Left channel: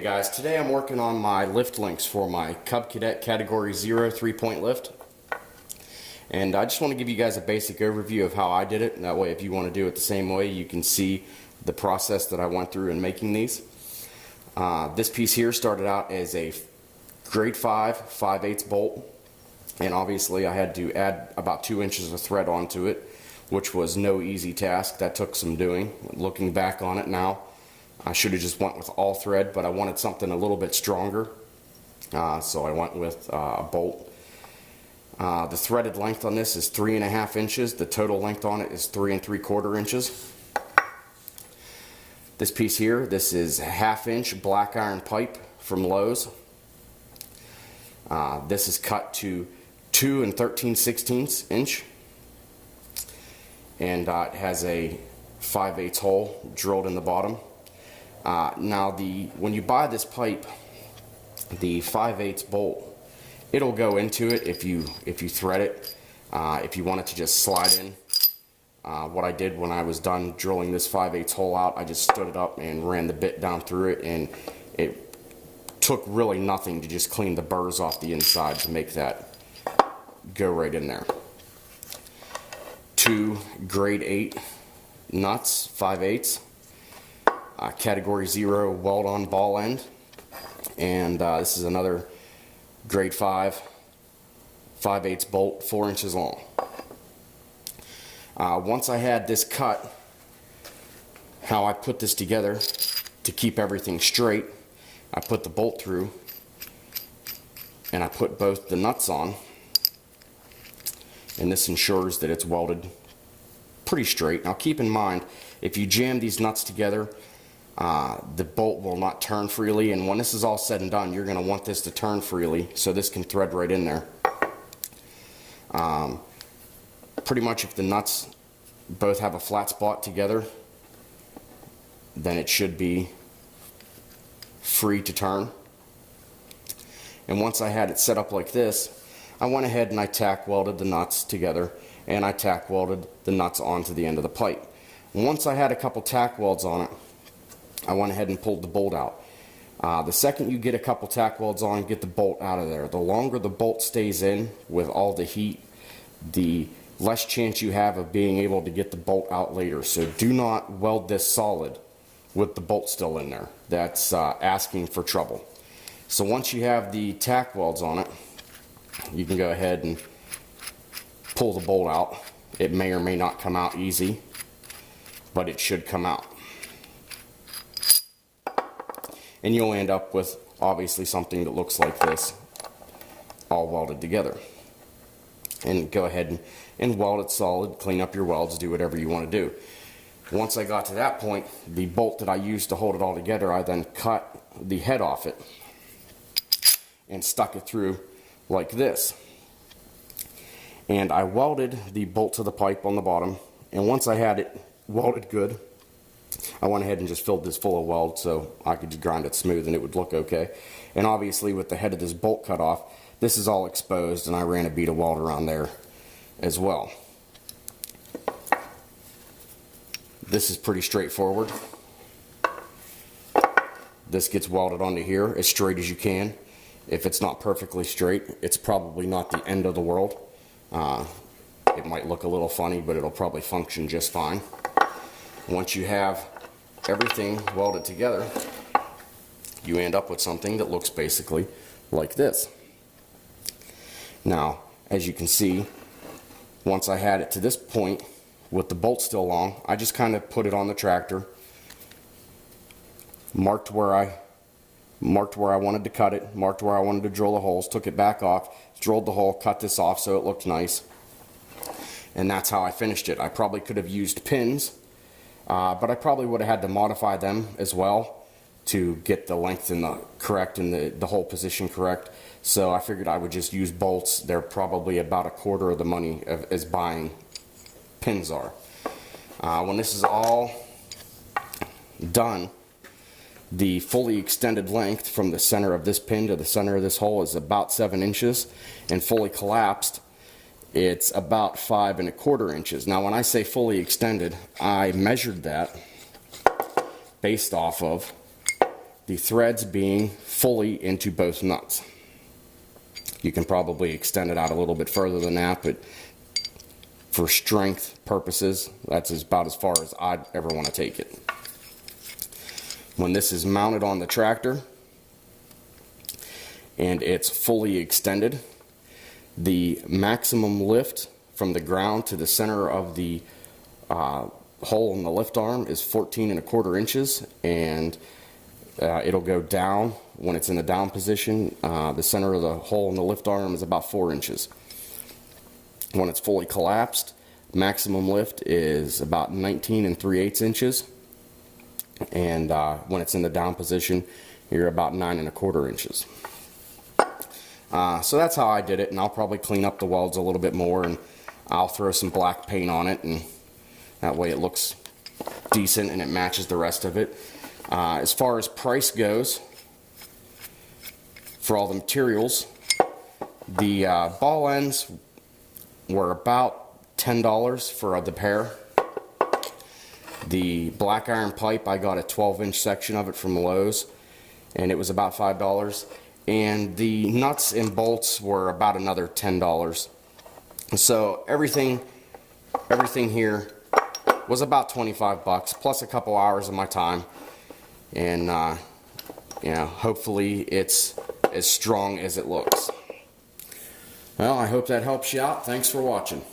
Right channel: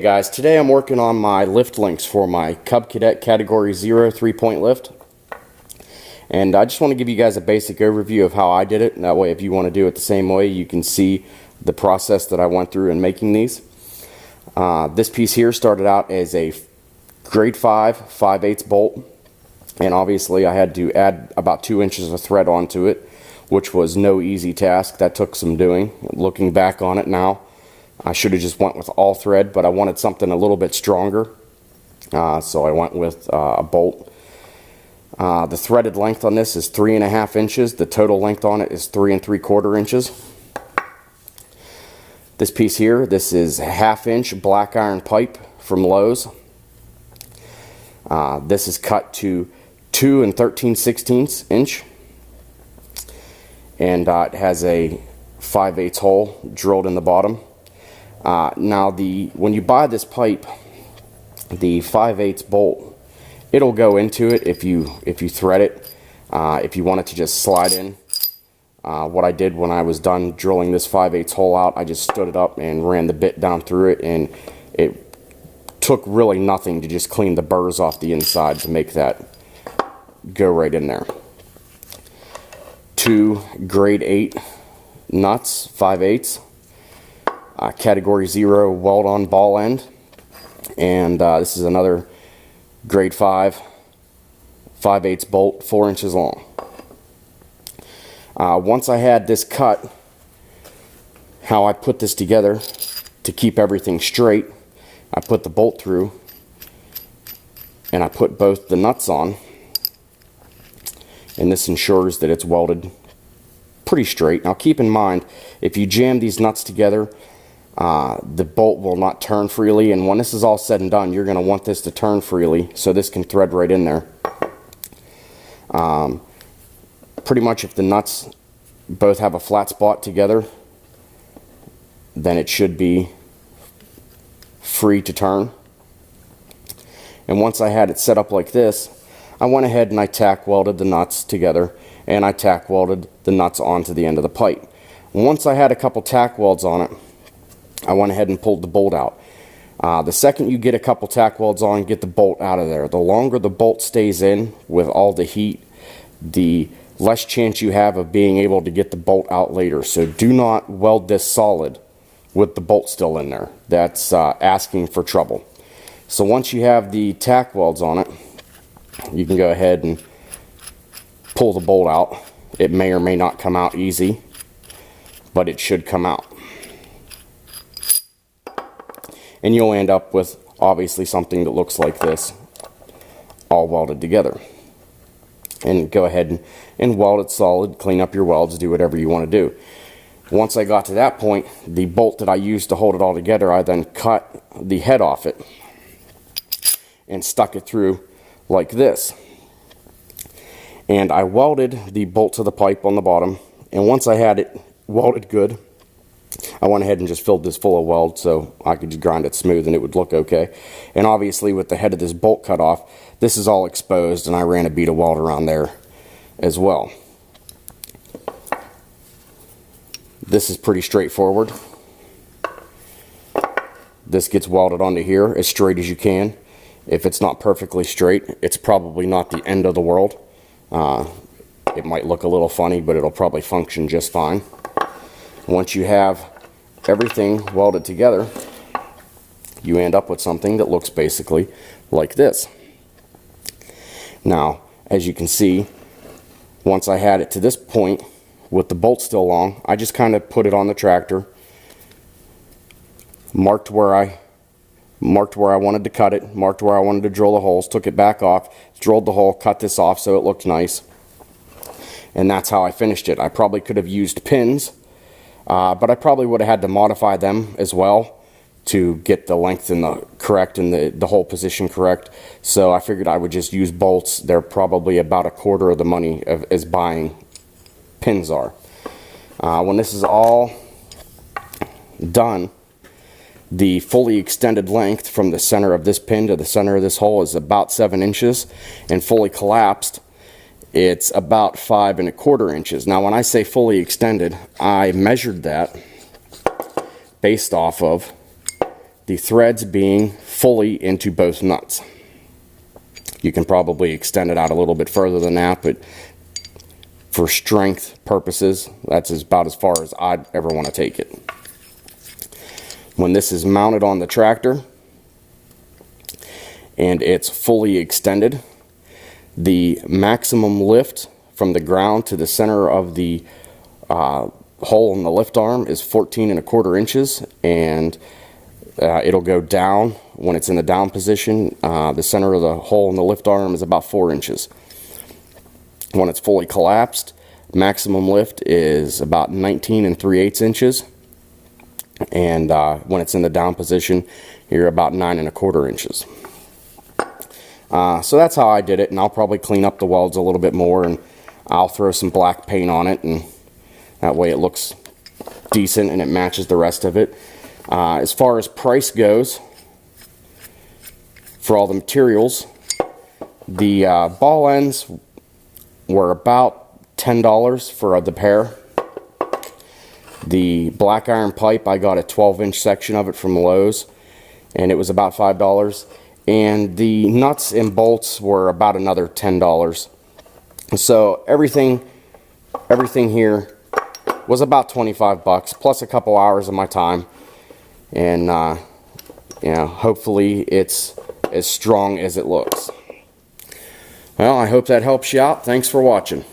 Hey guys, today I'm working on my lift links for my Cub Cadet Category 0 3-point lift. And I just want to give you guys a basic overview of how I did it. That way if you want to do it the same way, you can see the process that I went through in making these. This piece here started out as a grade 5 5/8 bolt. And obviously I had to add about 2 inches of thread onto it, which was no easy task. That took some doing. Looking back on it now, I should have just went with all thread, but I wanted something a little bit stronger, so I went with a bolt. The threaded length on this is 3.5 inches. The total length on it is 3 3/4 inches. This piece here, this is a 1/2 inch black iron pipe from Lowe's. This is cut to 2 13/16 inch, and it has a 5/8 hole drilled in the bottom. Now when you buy this pipe, the 5/8 bolt, it'll go into it if you thread it. If you want it to just slide in, what I did when I was done drilling this 5/8 hole out, I just stood it up and ran the bit down through it, and it took really nothing to just clean the burrs off the inside to make that go right in there. 2 grade 8 nuts, 5/8. Category 0 weld-on ball end, and this is another grade 5 5/8 bolt, 4 inches long. Once I had this cut, how I put this together to keep everything straight, I put the bolt through and I put both the nuts on, and this ensures that it's welded pretty straight. Now keep in mind, if you jam these nuts together, the bolt will not turn freely, and when this is all said and done, you're going to want this to turn freely so this can thread right in there. Pretty much if the nuts both have a flat spot together, then it should be free to turn. And once I had it set up like this, I went ahead and I tack welded the nuts together, and I tack welded the nuts onto the end of the pipe. Once I had a couple tack welds on it, I went ahead and pulled the bolt out. The second you get a couple tack welds on, get the bolt out of there. The longer the bolt stays in with all the heat, the less chance you have of being able to get the bolt out later. So do not weld this solid with the bolt still in there. That's asking for trouble. So once you have the tack welds on it, you can go ahead and pull the bolt out. It may or may not come out easy, but it should come out. And you'll end up with obviously something that looks like this, all welded together. And go ahead and weld it solid, clean up your welds, do whatever you want to do. Once I got to that point, the bolt that I used to hold it all together, I then cut the head off it and stuck it through like this. And I welded the bolt to the pipe on the bottom, and once I had it welded good, I went ahead and just filled this full of weld so I could just grind it smooth and it would look okay. And obviously with the head of this bolt cut off, this is all exposed, and I ran a bead of weld around there as well. This is pretty straightforward. This gets welded onto here as straight as you can. If it's not perfectly straight, it's probably not the end of the world. It might look a little funny, but it'll probably function just fine. Once you have everything welded together, you end up with something that looks basically like this. Now, as you can see, once I had it to this point with the bolt still long, I just kind of put it on the tractor, marked where I wanted to cut it, marked where I wanted to drill the holes, took it back off, drilled the hole, cut this off so it looked nice, and that's how I finished it. I probably could have used pins, but I probably would have had to modify them as well to get the length and the correct and the hole position correct. So I figured I would just use bolts. They're probably about 1/4 of the money as buying pins are. When this is all done, the fully extended length from the center of this pin to the center of this hole is about 7 inches, and fully collapsed, it's about 5 1/4 inches. Now when I say fully extended, I measured that based off of the threads being fully into both nuts. You can probably extend it out a little bit further than that, but for strength purposes, that's about as far as I'd ever want to take it. When this is mounted on the tractor and it's fully extended, the maximum lift from the ground to the center of the hole in the lift arm is 14¼ inches, and it'll go down when it's in the down position. The center of the hole in the lift arm is about 4 inches. When it's fully collapsed, maximum lift is about 19 3/8 inches, and when it's in the down position, you're about 9¼ inches. So that's how I did it, and I'll probably clean up the welds a little bit more, and I'll throw some black paint on it, and that way it looks decent and it matches the rest of it. As far as price goes, for all the materials, the ball ends were about $10 for the pair. The black iron pipe, I got a 12-inch section of it from Lowe's, and it was about $5. And the nuts and bolts were about another $10. So everything here was about 25 bucks, plus a couple hours of my time. And you know, hopefully it's as strong as it looks. Well, I hope that helps you out. Thanks for watching.